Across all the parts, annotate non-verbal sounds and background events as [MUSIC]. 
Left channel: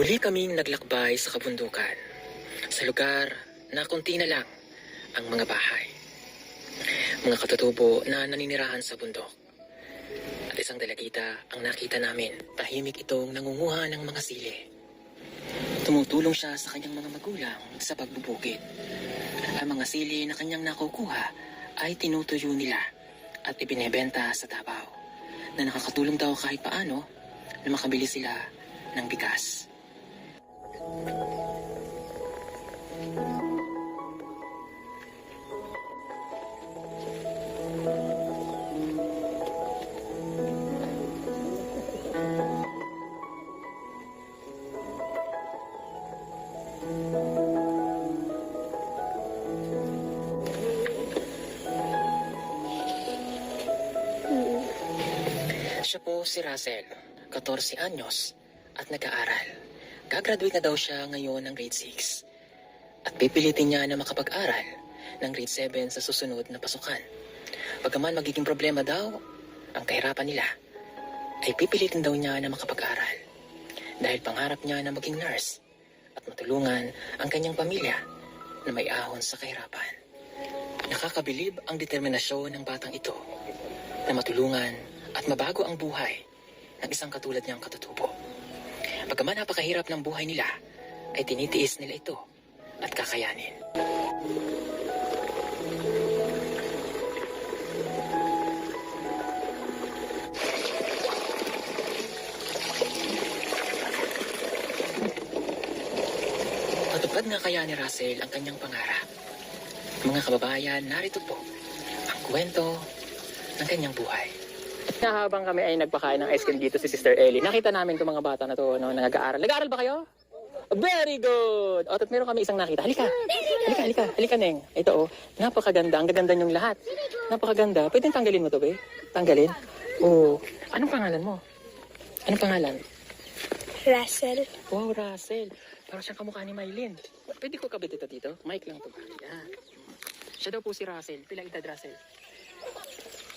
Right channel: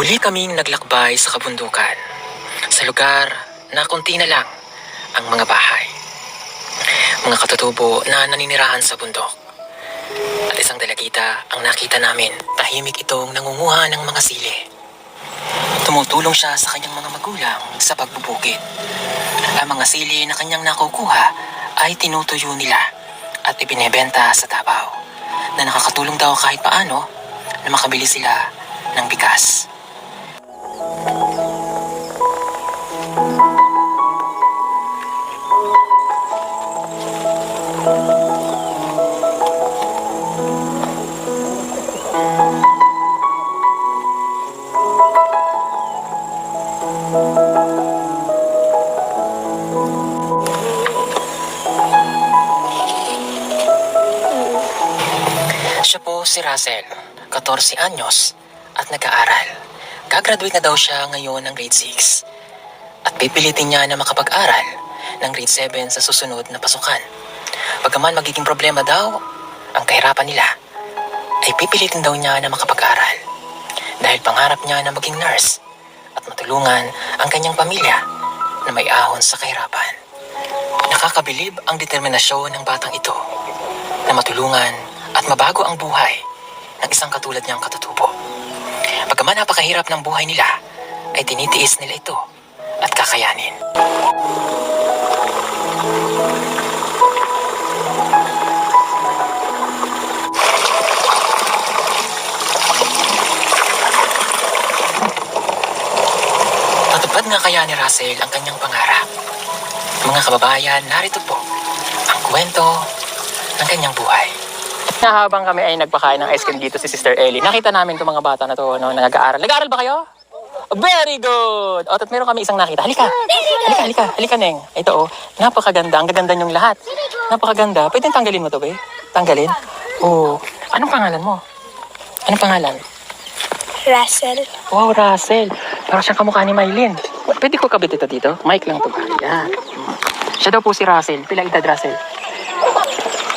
Muli kaming naglakbay sa kabundukan. Sa lugar na konti na lang ang mga bahay. Mga katutubo na naninirahan sa bundok. At isang dalagita ang nakita namin. Tahimik itong nangunguha ng mga sili. Tumutulong siya sa kanyang mga magulang sa pagbubukid. Ang mga sili na kanyang nakukuha ay tinutuyo nila at ibinebenta sa Davao na nakakatulong daw kahit paano na makabili sila ng bigas. Siya po si Russell, 14 anyos at nag-aaral. Gagraduate na daw siya ngayon ng grade 6. At pipilitin niya na makapag-aral ng grade 7 sa susunod na pasukan. Pagkaman magiging problema daw ang kahirapan nila, ay pipilitin daw niya na makapag-aral. Dahil pangarap niya na maging nurse at matulungan ang kanyang pamilya na may ahon sa kahirapan. Nakakabilib ang determinasyon ng batang ito na matulungan at mabago ang buhay ng isang katulad niyang katutubo. Pagkaman napakahirap ng buhay nila, ay tinitiis nila ito at kakayanin. Matupad nga kaya ni Russell ang kanyang pangarap. Mga kababayan, narito po ang kwento ng kanyang buhay. Na habang kami ay nagpakain ng ice cream dito si Sister Ellie, nakita namin itong mga bata na to no, na nag-aaral. Nag-aaral ba kayo? Very good! O, at meron kami isang nakita. Halika! Halika, halika, halika, Neng. Ito, oh. Napakaganda. Ang gaganda niyong lahat. Napakaganda. Pwede tanggalin mo to, be? Tanggalin? Oo. Anong pangalan mo? Anong pangalan? Russell. Wow, Russell. Parang siyang kamukha ni Maylin. Pwede ko kabit ito dito? Mic lang to ba? Yan. Siya daw po si Russell. Pila edad, Russell?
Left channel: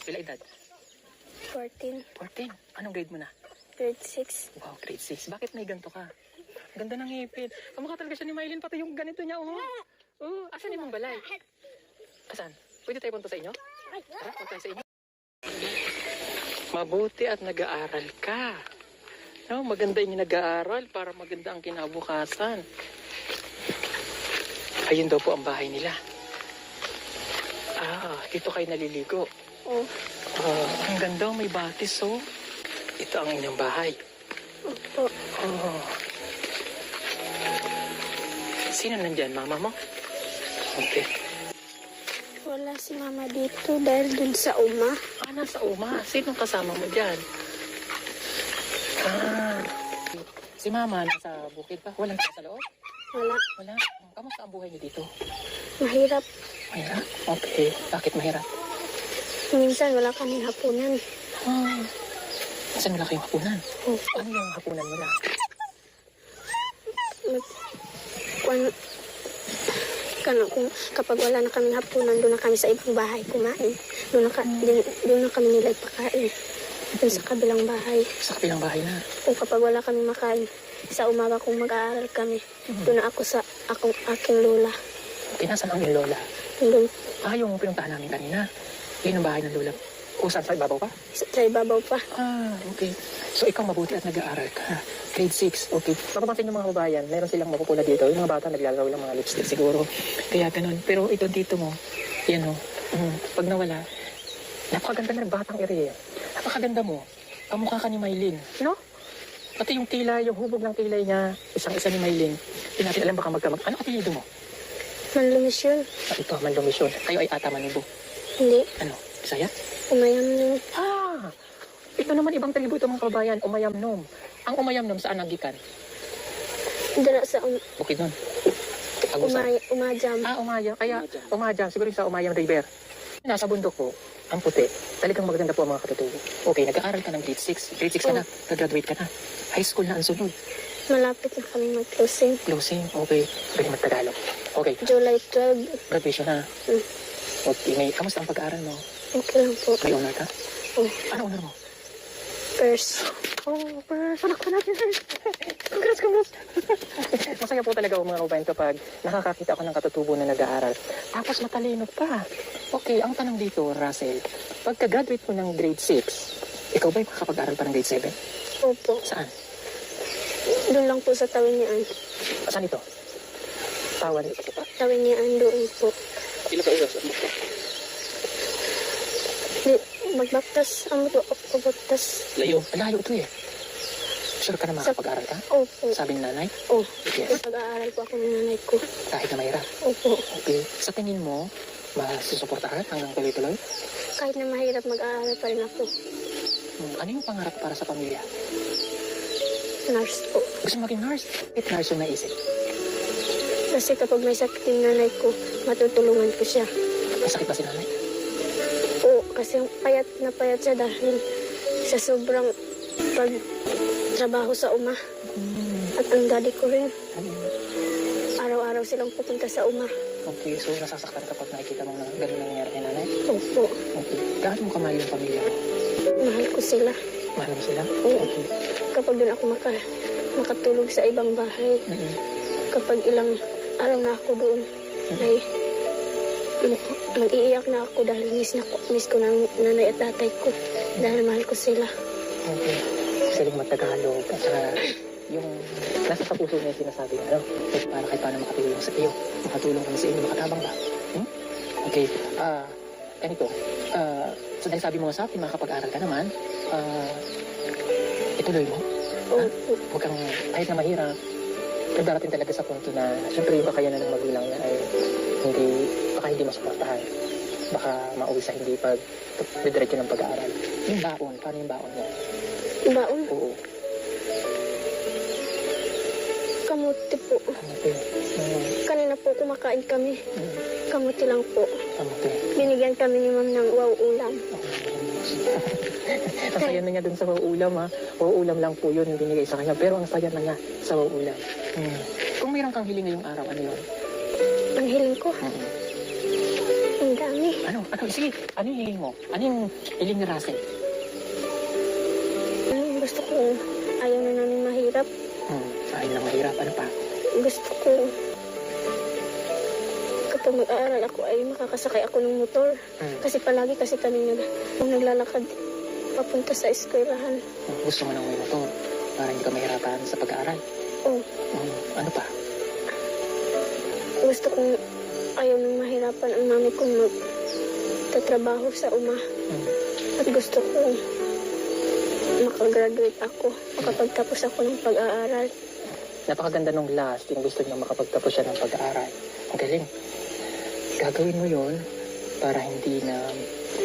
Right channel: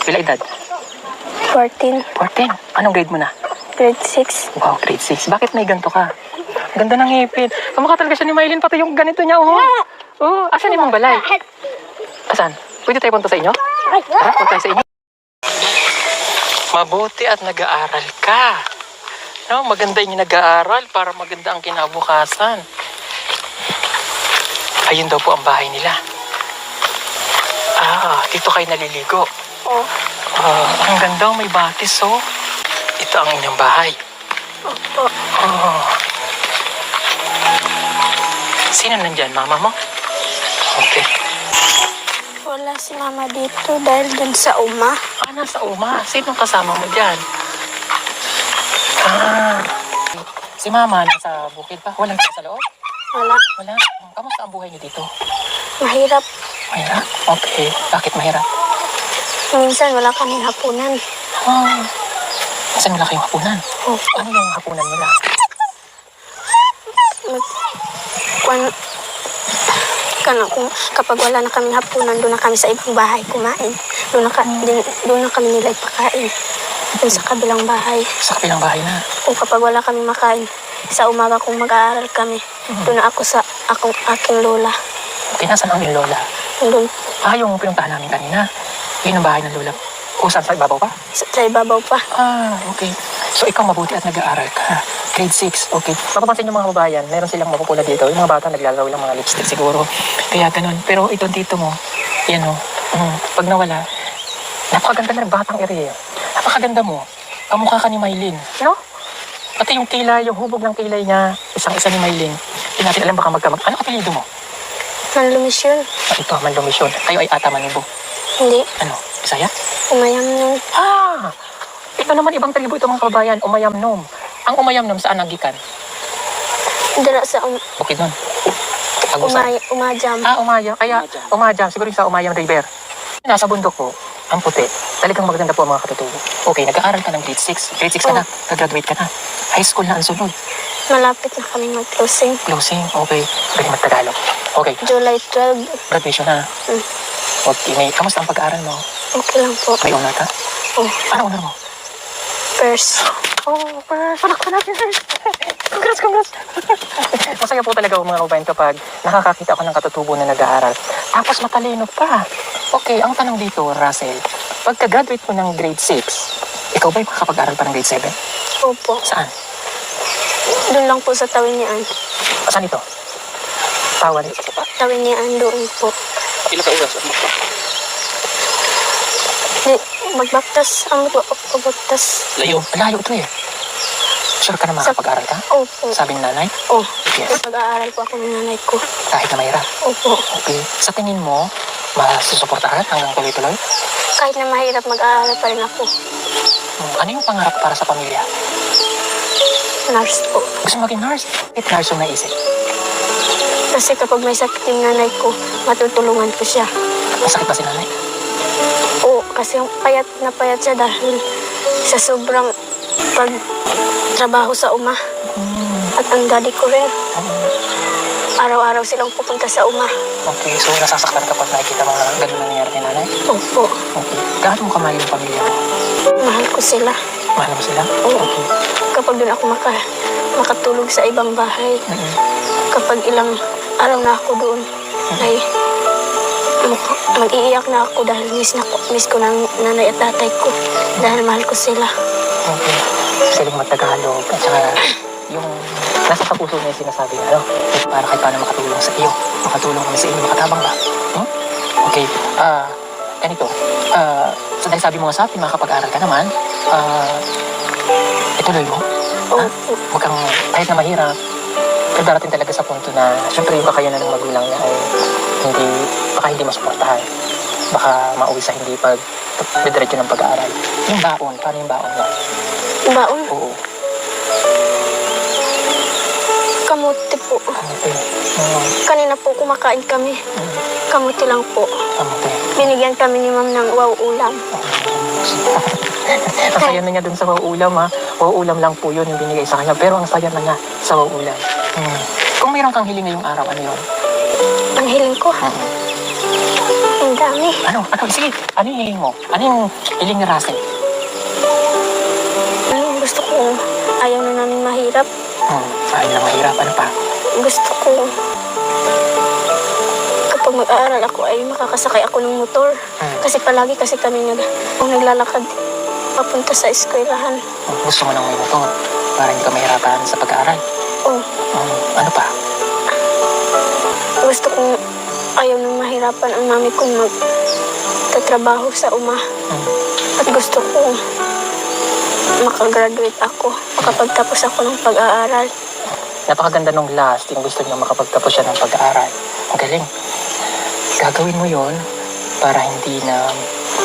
Pila edad? 14. 14. Anong grade mo na? Grade 6. Wow, grade 6. Bakit may ganito ka? Ganda ng ngipin. Kamukha talaga siya ni Maylin, pati yung ganito niya, oh. Oh, asan yung balay? Asan? Pwede tayo punta sa inyo? Tara, punta tayo sa inyo. Mabuti at nag-aaral ka. No, maganda yung nag-aaral para maganda ang kinabukasan. Ayun daw po ang bahay nila. Ah, dito kayo naliligo. Oh. Ah, ang ganda, may batis, oh. Ito ang inyong bahay. Opo. Oh. Sino nandyan? Mama mo? Okay. Wala si mama dito dahil dun sa uma. Ah, nasa uma. Sino kasama mo dyan? Ah. Si mama nasa bukid pa. Walang sa loob? Wala. Wala. Kamusta ang buhay niyo dito? Mahirap. Mahirap? Okay. Bakit mahirap? Minsan wala kaming hapunan. Oh. Saan wala kayong hapunan? Oh. Ano yung hapunan nila? Kung... Kano, kung, kapag wala na kaming hapunan, doon na kami sa ibang bahay kumain. Doon na, ka, din, doon na kami nila ipakain. Doon sa kabilang bahay. Sa kapilang bahay na. O kapag wala kami makain, sa umaga kung mag-aaral kami, doon na ako sa akong aking lola. Okay, nasaan ang lola? Doon Ah, yung pinuntahan namin kanina. Yun ang bahay ng lola. Kung saan sa ibabaw pa? sa, sa ibabaw pa. Ah, okay. So ikaw mabuti at nag-aaral ka. Grade 6, okay. Mapapansin yung mga kababayan, meron silang mapupula dito. Yung mga bata naglalaro ng mga lipstick siguro. Kaya ganun. Pero ito dito mo, yan o. Mm, pag nawala, napakaganda na ng batang ere. Napakaganda mo. Kamukha ka ni Maylin. No? Pati yung kilay, yung hubog ng kilay niya, isang-isa ni Maylin. Hindi natin alam baka magkamag. Ano apelido mo? Manlumisyon. Ah, ito, Mandomisyon. Kayo ay ata manibo. Hindi. Ano? Bisaya? Umayam yung Ah! Ito naman ibang tribo ito mga kababayan, Umayamnom. Ang Umayamnom saan nagikan? dala sa um, Bukid nun. Agusan. umay, umajam. Ah, Umayam. Kaya Umayam, siguro yung sa Umayam River. Nasa bundok po, ang puti. Talagang maganda po ang mga katutubo. Okay, nag-aaral ka ng grade 6. Grade 6 ka na. Nag-graduate ka na. High school na ang sunod. Malapit na kami mag-closing. Closing, okay. Pwede mag-Tagalog. Okay, July 12. graduation na. Mm. Okay, may, kamusta ang pag-aaral mo? Okay lang po. May honor ka? Oh, Ano honor mo? first. Oh, first. Palakpan natin first. Congrats, congrats. [LAUGHS] masaya po talaga ako mga kabayan kapag nakakakita ako ng katutubo na nag-aaral. Tapos matalino pa. Okay, ang tanong dito, Russell, pagka-graduate mo ng grade 6, ikaw ba'y makakapag-aral pa ng grade 7? Opo. Saan? Doon lang po sa tawinian. Saan ito? Tawan. Tawinian doon po. Ilang ka oras? Magbaktas. Ang magbaktas. Layo. Layo ito eh. Sure ka na makakapag-aral ka? Opo. Sabi ng nanay? Oh, Yes. pag-aaral po ako ng nanay ko. Kahit na mahirap. Opo. Okay. Sa tingin mo, masusuportahan hanggang tuloy-tuloy? Kahit na mahirap mag-aaral pa rin ako. Hmm, Ano yung pangarap para sa pamilya? Nurse po. Gusto maging nurse? It nurse yung naisip. Kasi kapag may sakit yung nanay ko, matutulungan ko siya. Masakit ba si nanay? Oo, kasi payat na payat siya dahil sa sobrang pagtrabaho sa uma. Hmm. At ang daddy ko rin, Hmm. araw-araw silang pupunta sa uma. Okay, so nasasaktan kapag nakikita mo na ganun ang nangyari kay nanay? Opo, Okay. Gaano mo kamahal yung pamilya mo? mahal ko sila. Mahal mo sila? Oo. Okay. Kapag doon ako maka, makatulog sa ibang bahay, Mm-mm. kapag ilang araw na ako doon, ay mag- mag-iiyak na ako dahil miss, na, miss ko ng nanay at tatay ko dahil mahal ko sila. Okay. Siling magtagalog at saka yung nasa kapuso niya sinasabi niya, ano? Para kahit paano makatulong sa iyo. Makatulong kami sa inyo, makatabang ba? Hmm? Okay. Ah, ganito. Ah, so dahil sabi mo nga sa akin, makakapag-aral ka naman, ah, ituloy mo. Oo, Huwag kang, kahit na mahirap, pero darating talaga sa punto na, syempre yung kakayanan ng magulang niya ay hindi, baka hindi masuportahan. Baka mauwi sa hindi pag didiretso ng pag-aaral. Yung baon, paano yung baon mo? baon, Oo. kamuti po. Kamuti. Oo. Kanina po kumakain kami, Mm. kamuti lang po. Kamuti. Binigyan kami ni ma'am ng wow ulam. [LAUGHS] ang saya na niya dun sa wauulam ha. Wauulam lang po yun yung binigay sa kanya. Pero ang saya na niya sa wauulam. Hmm. Kung mayroon kang hiling ngayong araw, ano yun? Ang hiling ko, Hmm. ang dami. Ano? Ano? Sige. Ano yung hiling mo? Ano yung hiling ni Russell? Ano, gusto ko, ayaw na namin mahirap. Hmm. Ayaw na mahirap. Ano pa? Gusto ko, kapag mag-aaral ako ay makakasakay ako ng motor. Hmm. Kasi palagi kasi kami nag, kung naglalakad papunta sa eskwelahan. Gusto mo nang may motor para hindi ka mahirapan sa pag-aaral. Oh, Hmm. Ano pa? gusto kong ayaw nang mahirapan ang mami kong magtatrabaho sa uma. Hmm. At gusto ko makagraduate ako, makapagtapos ako ng pag-aaral. Napakaganda nung last, yung gusto niya makapagtapos siya ng pag-aaral. Ang galing. Gagawin mo yon para hindi na,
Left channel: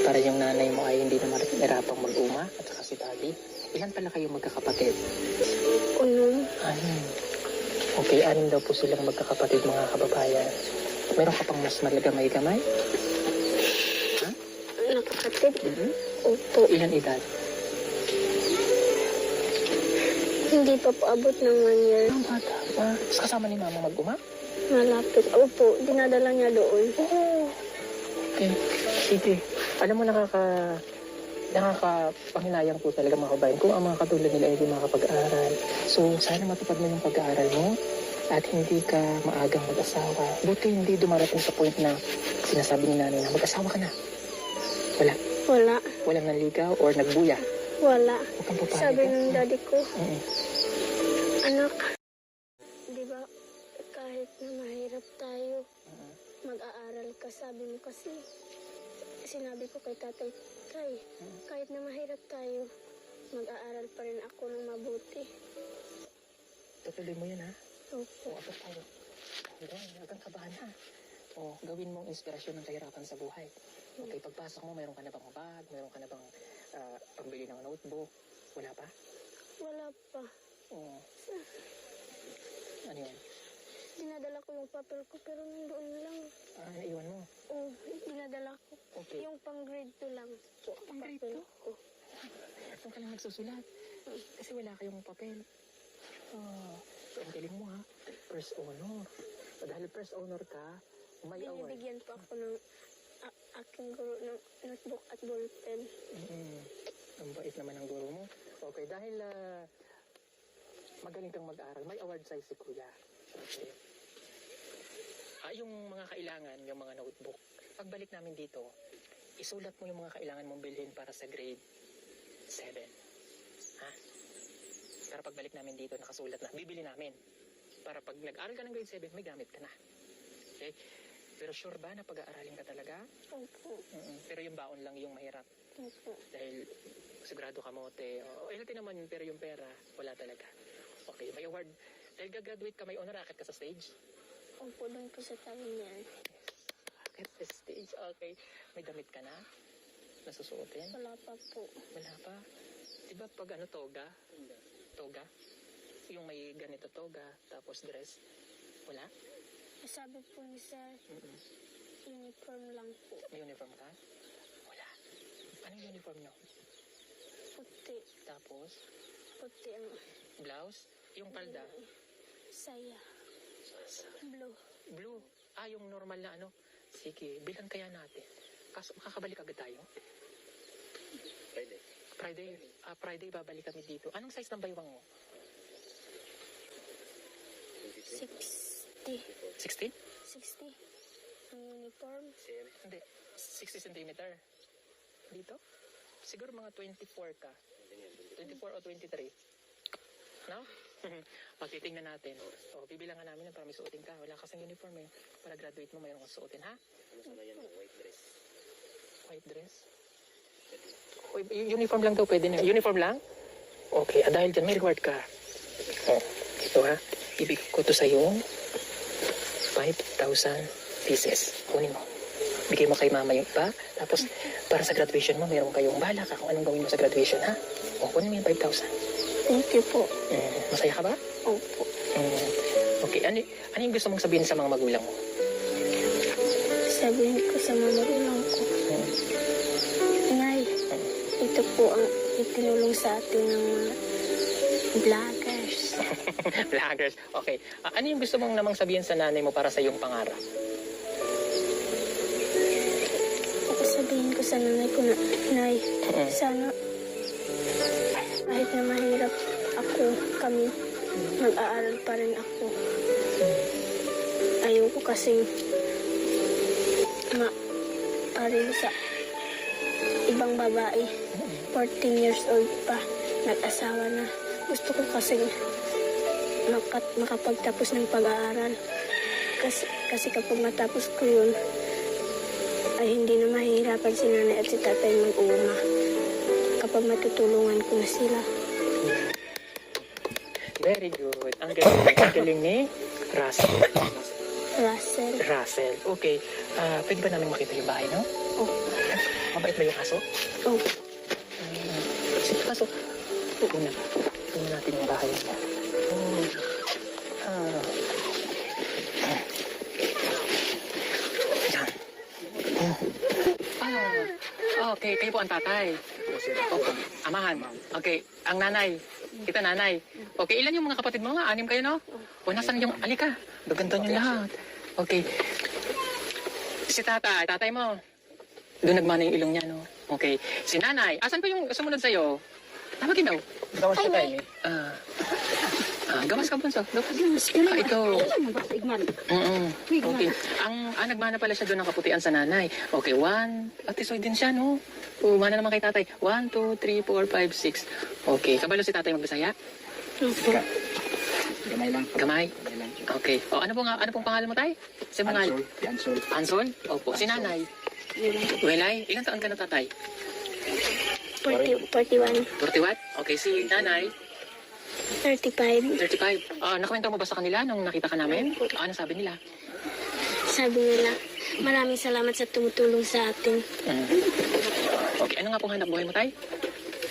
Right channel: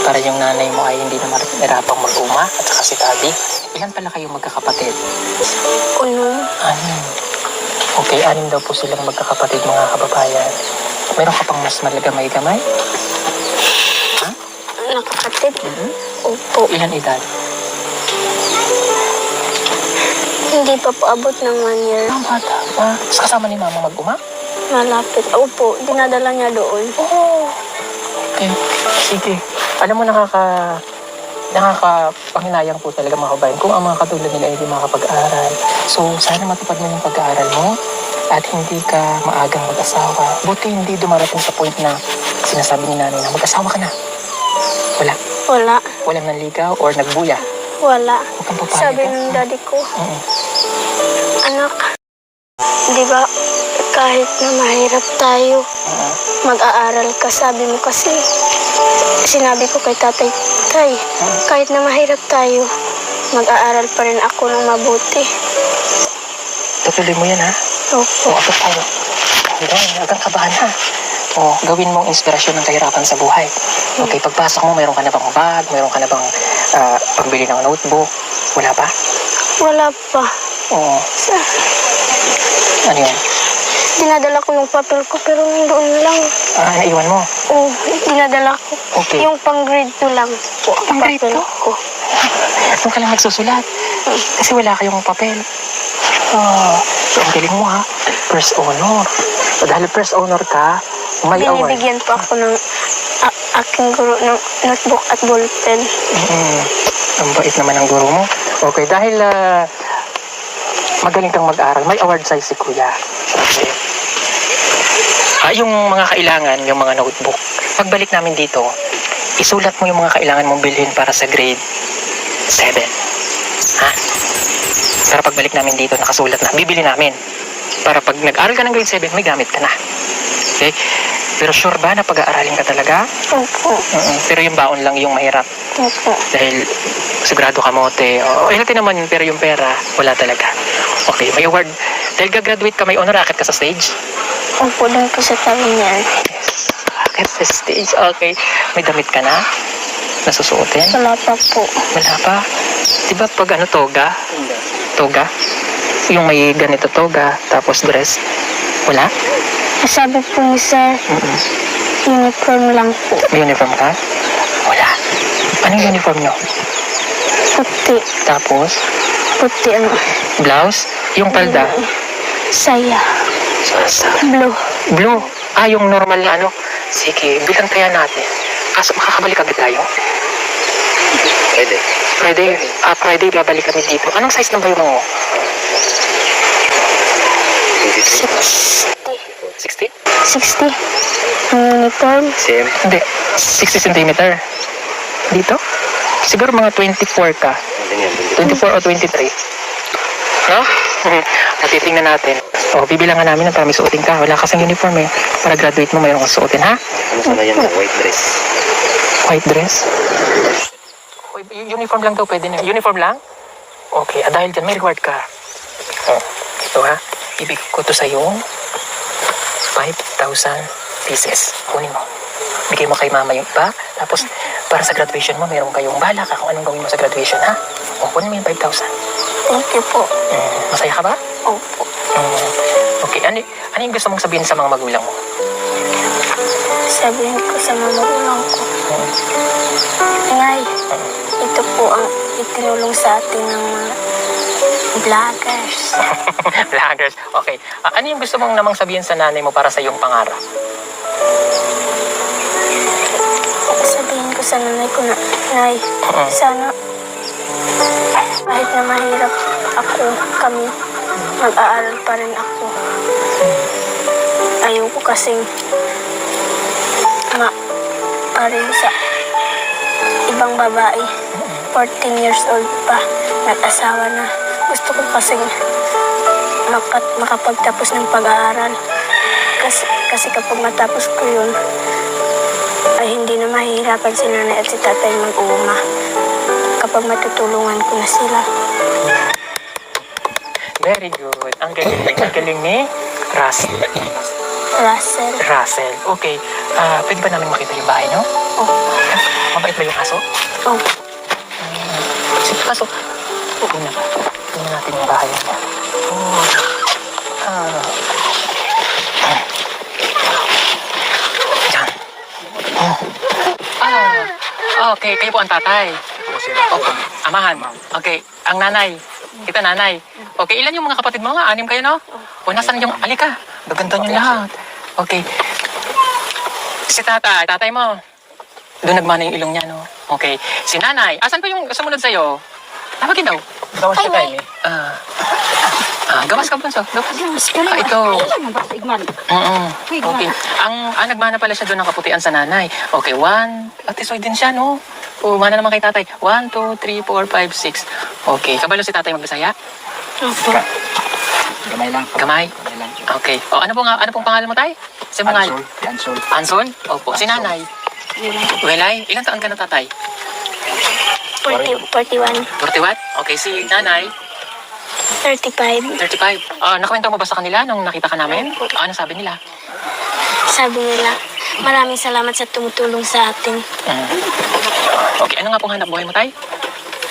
para yung nanay mo ay hindi na mahirapang mag-uma at saka si daddy. Ilan pala kayong magkakapatid? Unong Anim. Okay, anim daw po silang magkakapatid mga kababayan. Meron ka pang mas malagamay-gamay? nakakatid. Mhm. Opo. Ilan edad? Hindi pa po abot ng one year. Ang bata pa. Tapos kasama ni mama mag-uma? Malapit. Opo, dinadala niya doon. Okay, sige. Alam mo, nakaka... Nakakapanghinayang po talaga mga kabayan kung ang mga katulad nila ay hindi makapag-aral. So, sana matupad mo yung pag-aaral mo at hindi ka maagang mag-asawa. Buti hindi dumarating sa point na sinasabi ni nanay na mag-asawa ka na. Wala. Wala. Walang nanligaw or nagbuya. Wala. Huwag kang papayag. Sabi ha? ng daddy ko, Mm. anak, di ba kahit na mahirap tayo, Mm. mag-aaral ka. Sabi mo kasi, sinabi ko kay tatay, tay, kahit na mahirap tayo, mag-aaral pa rin ako ng mabuti. Tutuloy mo yan ha. Opo. O, agad tayo. Hanggang, hanggang kabahan ha. O, gawin mong inspirasyon ng kahirapan sa buhay. Okay, pagpasok mo, mayroon ka na bang bag, mayroon ka na bang ah, pagbili ng notebook? Wala pa? Wala pa. Oo. Sa- Ano yun? Dinadala ko yung papel ko pero nandoon lang. Ah, naiwan mo. Oh, dinadala ko. Okay. Yung pang grade 2 lang po. Pang grade papel 2? ko. Doon ka lang nagsusulat. Kasi wala kayong papel. Ah, so ang galing mo ha. First honor. So, dahil first honor ka, may award. Binibigyan po ako ng a- aking guro ng notebook at ballpen. Mm, ang bait naman ng guro mo. Okay, dahil ah, Magaling kang mag-aral. May award sa'yo si Kuya. Okay. Ah, yung mga kailangan, yung mga notebook. Pagbalik namin dito, isulat mo yung mga kailangan mong bilhin para sa grade 7. Ha? Para pagbalik namin dito, nakasulat na. Bibili namin. Para pag nag-aral ka ng grade 7, may gamit ka na. Okay? Pero sure ba na pag-aaralin ka talaga? Opo. Mm-mm. Pero yung baon lang yung mahirap. Opo. Dahil sigurado kamote. O, healthy naman yun, pero yung pera, wala talaga. Okay, may award. Dahil gagraduate ka, may honor racket ka sa stage. Opo, doon po sa tabi niyan. Racket sa stage, okay. May damit ka na? Nasusuotin? Wala pa po. Wala pa. Di ba pag ano, toga? Toga? Yung may ganito toga, tapos dress. Wala? Sabi po ni sir, Mm-mm. uniform lang po. May uniform ka? Wala. Anong uniform nyo? Puti. Tapos, Puti ang blouse? Yung palda? saya. Sasa. Blue. Blue. Ah, yung normal na ano. Sige, bilang kaya natin. Kaso makakabalik agad tayo? Pwede. Friday, ah, Friday babalik kami dito. Anong size ng bayong mo? 23. 60? 60. Ang uniform. Same. Hindi, 60 cm. Dito? Siguro mga 24 ka. Ganyan. 24 o 23. No? [LAUGHS] Natitingnan natin. O, bibilangan namin ng para may suotin ka. Wala kasang uniform eh. Para graduate mo, mayroon kang suotin, ha? Ano sana yan? White dress. White dress? Uy, Uniform lang daw, pwede na. Uniform lang? Okay, ah, dahil dyan, may reward ka. Oh, ito ha, ibig ko to sa'yo 5,000 pieces. Kunin mo. Bigay mo kay mama yung iba. Tapos, para sa graduation mo, meron kayong bala ka kung anong gawin mo sa graduation, ha? O, kunin mo yung 5,000. You po. Mm, masaya ka ba? Opo. Mm, okay, ano, ano yung gusto mong sabihin sa mga magulang mo? Sabihin ko sa mga magulang ko. Mm, Ngay, ito po ang itinulong sa atin ng mga vloggers. [LAUGHS] Vloggers. Okay. Ano yung gusto mong namang sabihin sa nanay mo para sa iyong pangarap? Sabihin ko sa nanay ko na, Nay, Mm. sana kahit na mahirap ako, kami, mag-aaral pa rin ako. Ayoko kasing ma parin sa ibang babae. 14 years old pa, nag-asawa na. Gusto ko kasing makat makapagtapos ng pag-aaral. Kasi, kasi kapag matapos ko yun, ay hindi na mahihirapan si nanay at si tatay mag-uuma kapag matutulungan ko na sila. Very good. Ang galing. Ang galing ni Ras Russell, Russell. Okay. Ah, pwede ba namin makita yung bahay, no? oh, Mabait ba yung aso? oh, Sige, aso. Okay na ba? Tingnan natin yung bahay niya. Oh. Ah. Yan. Oh. Ah. Okay, kayo po ang tatay. Amahan. Okay, ang nanay. Kita nanay. Okay, ilan yung mga kapatid mo nga? Anim kayo, no? O, nasan yung... Alika, gaganda niyo lahat. Okay. Si tatay, tatay mo. Doon nagmana yung ilong niya, no? Okay. Si nanay, asan pa yung sumunod sa'yo? Tawagin daw. Gawas ka tayo, eh. Ah, ah, gawas ka, Bunso. Gawas. Ah, ito. Oo. Okay. Ang, ah, nagmana pala siya doon ng kaputian sa nanay. Okay, one. Atisoy din siya, no? O, mana naman kay tatay. One, two, three, four, five, six. Okay. Kabalo si tatay magbisaya? opo. Gamay lang. Lang. Okay. O, ano pong, ano pong pangalan mo, tay? Si mga... Ansol. Ansol. Anson? Opo. Si nanay? Welay? Ilan taon ka na, tatay? 40, 41, 41? Okay, si nanay? 35. 35. Ah, nakwento mo ba sa kanila nung nakita ka namin? Ah, ano sabi nila? Sabi nila, maraming salamat sa tumutulong sa atin. Mm. Okay, ano nga pong hanap buhay mo, tay?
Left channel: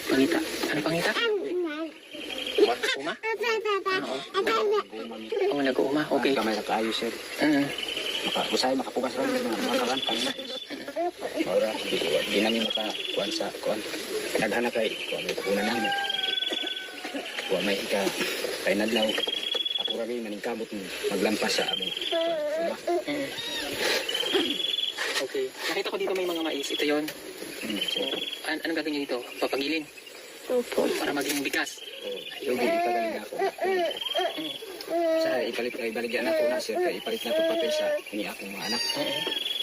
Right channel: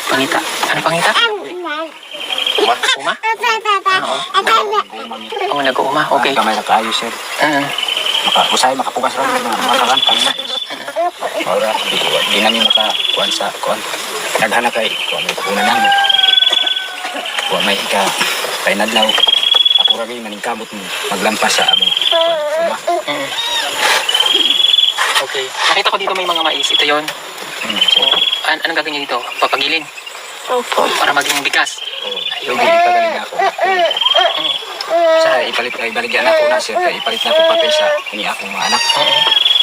Pangita. Ano pangita? Uma? Uma? Ah, oo. Oo, nag-uuma. Okay. Gamay na kaayos sir. Mm. Maka, usay makapugas lang pang na. Ora, di namin maka kuan sa kuan. Naghana kay kuan may kuna namin. Kuan may ika kay nadlaw. Ako gyud maningkamot mo maglampas sa among kuan. Mm. Okay. Nakita ko dito may mga mais. Ito yon. Hmm. So, An anong gagawin niyo dito? Papagilin Opo. para maging bigas. Pwede ipagaling na ako. Sa ipalit ay baligyan ako na sir, kaya ipalit na ako papel sa ini akong mga anak. Oo.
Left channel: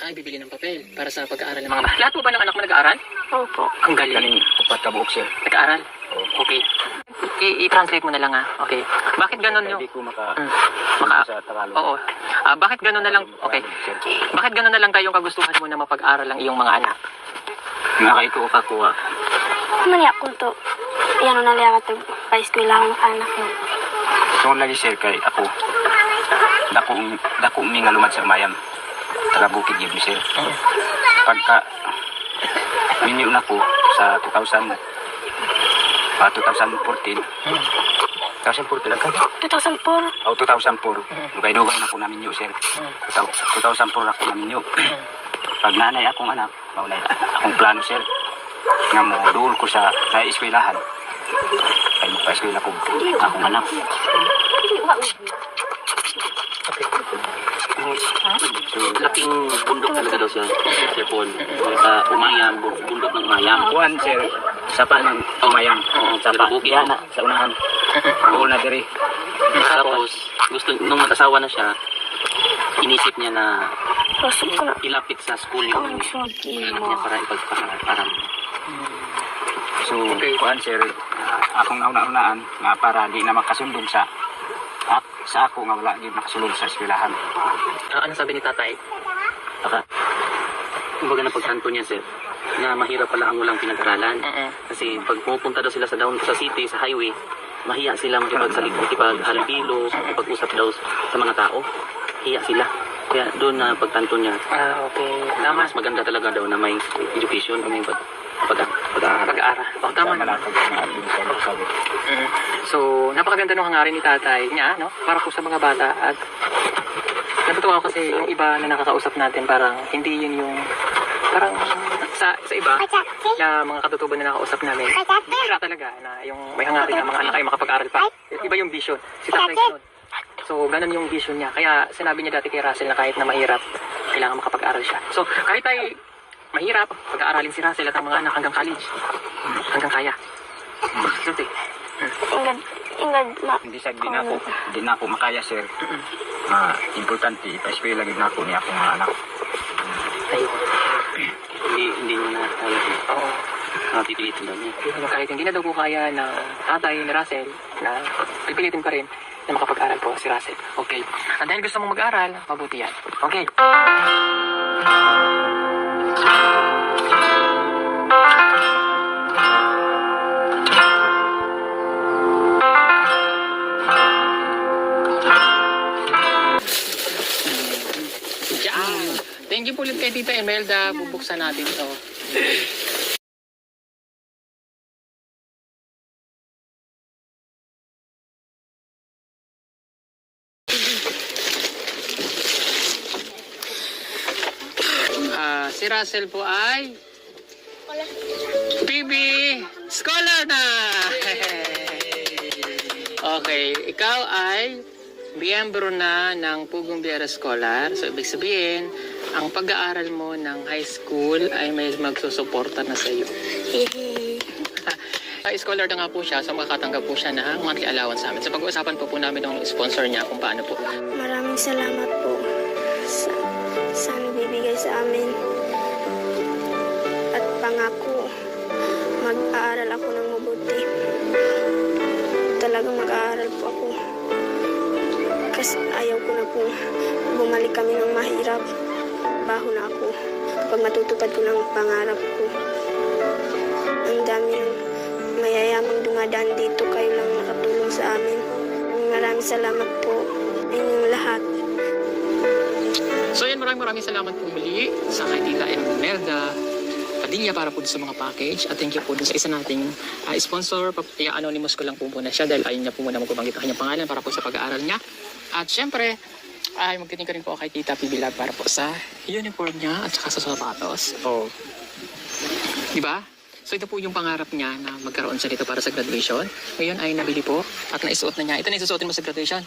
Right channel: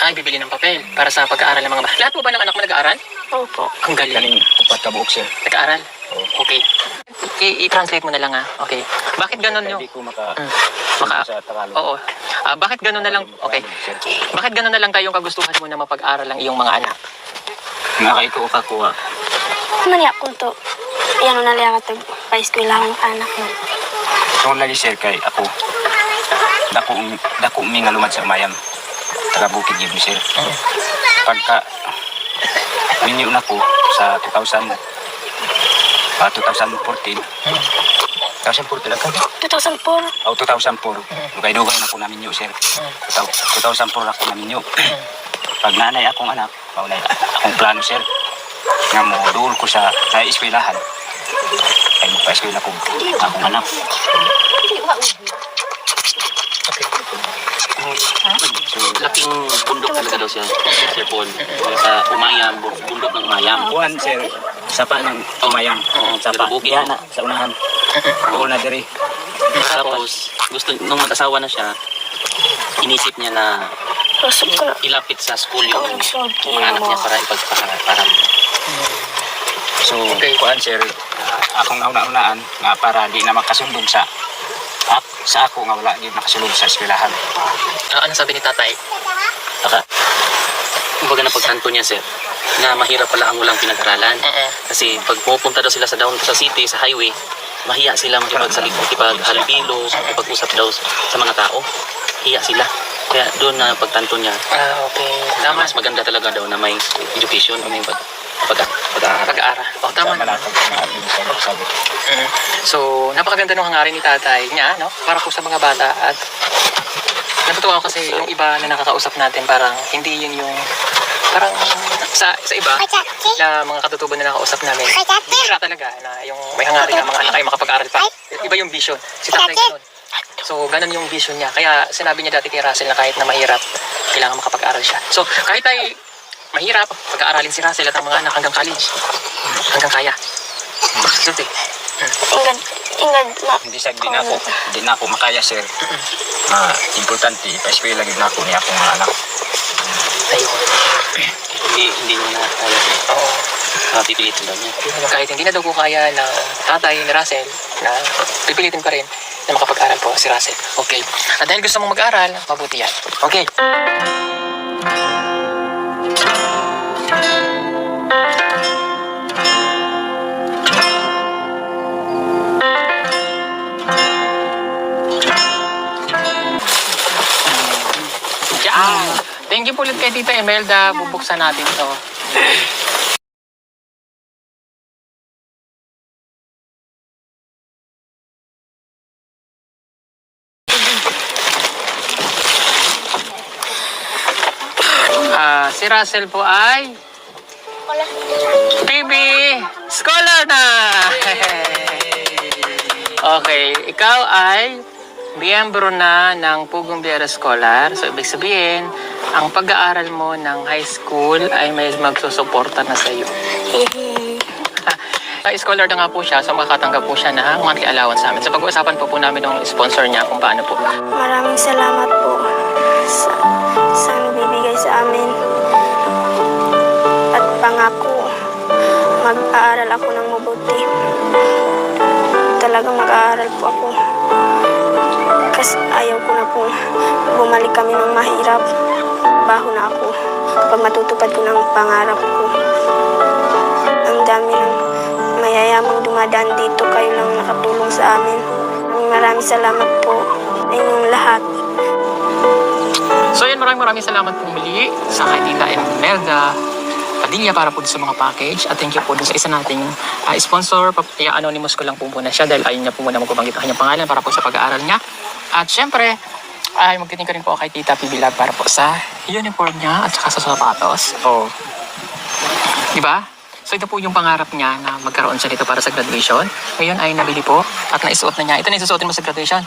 Ay, bibili ng papel para sa pag-aaral ng mga bata. Lahat po ba ng anak mo nag-aaral? Opo. Ang galing. Galing upat ka buok sir. Nag-aaral? Oo. Okay. Okay, i-translate mo na lang ah. Okay. Bakit ganun yung... Hindi ko maka... Mm. Maka- sa Tagalog. Oo. Ah, bakit ganun na lang... Okay. Bakit ganun na lang kayong kagustuhan mo na mapag-aral ang iyong mga anak? Nga ito o kakuha. Mani ako to. Yan na lang ito. Pa-eskwela ang anak mo. So lagi sir kay ako. Dako dako mi nga lumad sa mayam. Taga bukid mi sir. Pagka minyo na ko sa 2000 ah, 2014. 2014 lang ka? 2004. Oh, 2004. Dugay-dugay na ko na minyo sir. 2004 ako na minyo. Pag nanay akong anak, maunay akong plano sir. Nga mo duol ko sa eskwelahan. Ay mo pa eskwela ko akong anak. So, laking bundok talaga daw siya. Sir Paul. Sa Umayam, bu- bundok ng Umayam. Kuan sir, sapa ng umayang. Oo, Sapa. Diyan na, sa unahan. [LAUGHS] Doon na diri. Tapos, gusto, nung mag-asawa na siya, inisip niya na Pasok ko na. ilapit sa school yung nagsuot mga anak niya para ipagpakarat. Para So, kuan sir, akong nauna-unaan nga para di na makasundog sa ak, sa ako nga wala gid nakasulod sa eskwelahan. Ah, ano sabi ni tatay? Saka, kumbaga na pagtanto niya, sir, na mahirap pala ang walang pinag-aralan. Oo. Kasi pag pupunta daw sila sa down sa city, sa highway, mahiya sila makipagsalita, makipaghalbilo, makipag-usap daw sa mga tao. Hiya sila. Kaya doon na pagtanto niya, Ah, okay. Tama. mas maganda talaga daw na may education, may pag, pag, pag-aaral. Pag-aaral. Oh, tama naman. Malapag sa atin sir, sabi. Mm. So, napakaganda ng hangarin ni tatay niya, no? Para po sa mga bata at natutuwa ako kasi yung iba na nakakausap natin parang hindi yun yung parang sa sa iba na mga katutubo na nakakausap namin. Bihira talaga na yung may hangarin na mga anak ay makapag-aral pa. Iba yung vision. Si tatay ganun so ganun yung vision niya. Kaya sinabi niya dati kay Russell na kahit na mahirap kailangan makapag-aral siya. So kahit ay mahirap pag-aaralin si Russell at ang mga anak hanggang college. Hanggang kaya. Ingad, ingad na. Hindi sa di na ako, di na ako makaya sir. Ah, importante ipa-eskwela gid na ako ni akong mga anak. Ayun. Hindi, hindi niya na kaya. Oo. Uh, pipilitin daw niya. Kahit hindi na daw po kaya ng tatay ni Russell, na pipilitin pa rin na makapag-aral po si Russell. Okay. At dahil gusto mong mag-aral, mabuti yan. Okay. Yan. Thank you po ulit kay Tita Imelda. Bubuksan natin to. Ah, si Russell po ay PB Scholar na! [LAUGHS] okay, ikaw ay miyembro na ng Pugong Biera Scholar. So, ibig sabihin, ang pag-aaral mo ng high school ay may magsusuporta na sa iyo. Sa scholar na nga po siya, so makakatanggap po siya ng monthly allowance sa amin. So pag-uusapan po po namin ng sponsor niya kung paano po. Maraming salamat po sa, sa bibigay sa amin. Pangako, mag-aaral ako ng mabuti. Talagang mag-aaral po ako. Kasi ayaw ko na po bumalik kami ng mahirap. Baho na ako kapag matutupad ko ng pangarap ko. Ang dami ng mayayamang dumadaan dito. Kayo lang nakatulong sa amin. Maraming salamat po sa inyong lahat. So yan, maraming maraming salamat po muli sa kay Tita Imelda Padilla para po sa mga package. At thank you po dun sa isa nating ah, sponsor. Pap- I-anonymous ko lang po muna siya dahil ayun niya po muna magbabanggit ang kanyang pangalan para po sa pag-aaral niya. At syempre, ay magtiting ka rin po kay Tita Pibilab para po sa uniform niya at saka sa sapatos. Oh. Di ba? So ito po yung pangarap niya na magkaroon siya dito para sa graduation. Ngayon ay nabili po at naisuot na niya. Ito na isusuotin mo sa graduation.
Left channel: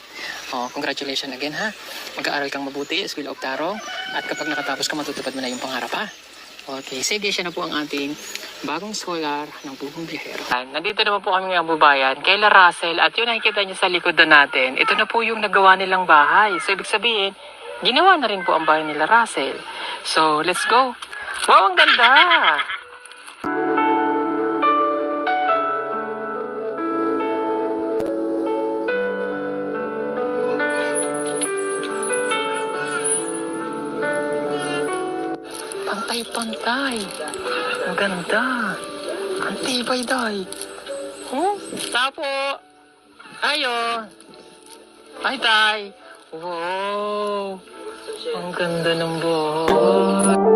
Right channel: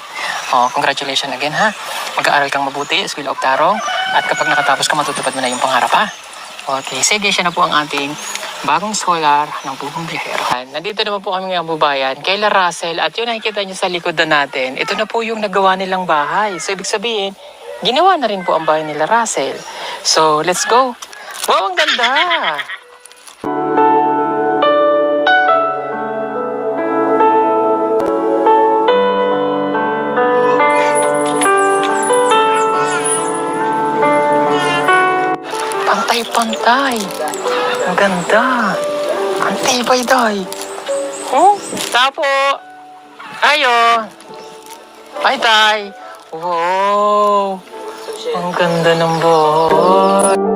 Oh, congratulations again ha. Mag-aaral kang mabuti, School of Tarong. At kapag nakatapos ka, matutupad mo na yung pangarap ha. Okay, sige, siya na po ang ating bagong solar ng buong biyahero. Nandito naman po kami ngayong bubayan kay La Russell at yun nakikita niyo sa likod na natin. Ito na po yung nagawa nilang bahay. So ibig sabihin, ginawa na rin po ang bahay nila Russell. So let's go. Wow, ang ganda! Pantay-pantay. Ang ganda. Ang tibay, day. Oh, tapo. Ayo. Ay, tay. Wow. Ang ganda ng bahay.